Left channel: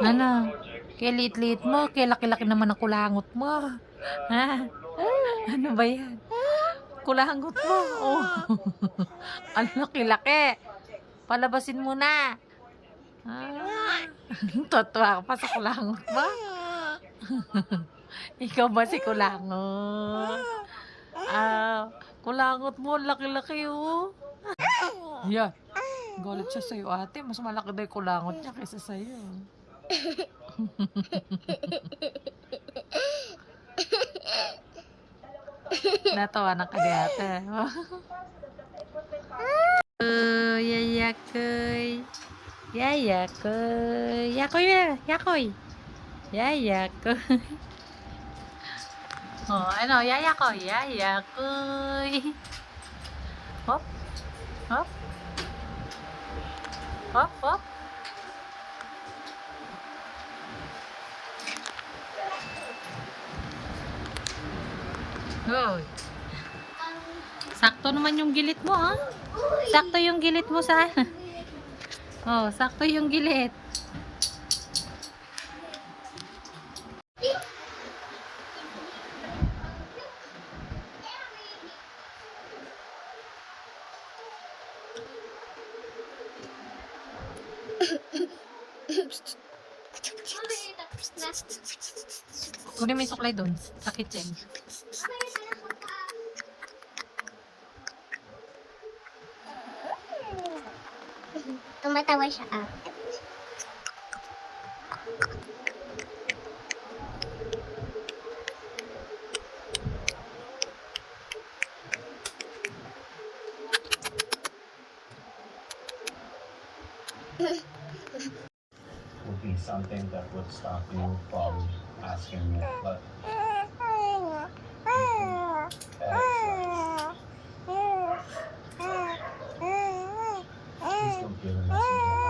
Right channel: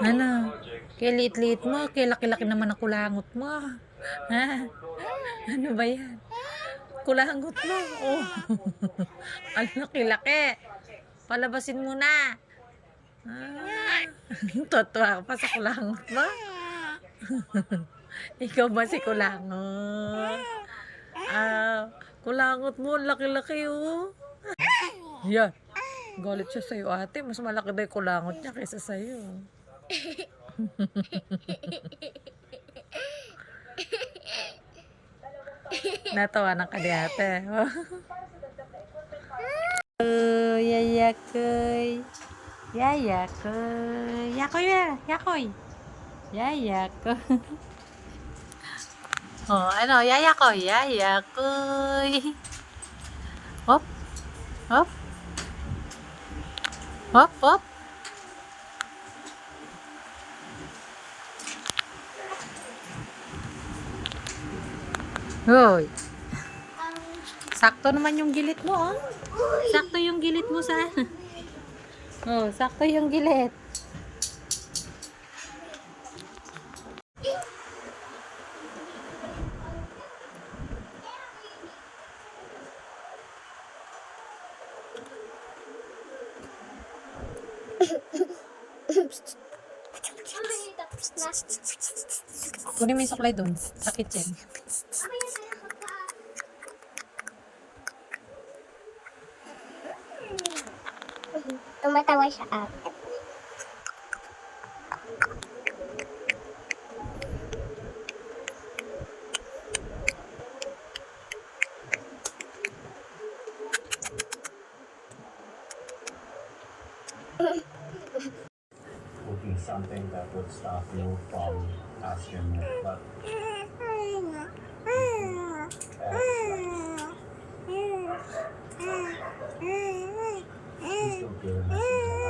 Ano? Kaya liit-liit mo, kaya laki-laki naman ang kulangot mo. Ha? Ano ba yan? Kulangot mo. Oh. Ang laki-laki. Palabasin mo na. Ah. Totoo ka pa sa kulangot mo. Ikaw ba si kulangot? Ah, kulangot mo, laki-laki oh. Yan. Galit siya sa'yo ate. Mas malaki daw yung kulangot niya kaysa sa'yo. Natawanan ka ni ate. Yayakoy. Yayakoy. Yakoy ya. Yakoy. Yayakoy. Oh, ano? Yayakoy. Yayakoy. Hop. Hop. Hop. Hop. Hoy. Sakto naman yung gilit mo, ha? Sakto yung gilit mo sa... Oh, sakto yung gilit. Kunin mo yung suklay doon sa kitchen. Tumatawa siya ate. Would be something that would stop you from asking me. But please don't feel the message.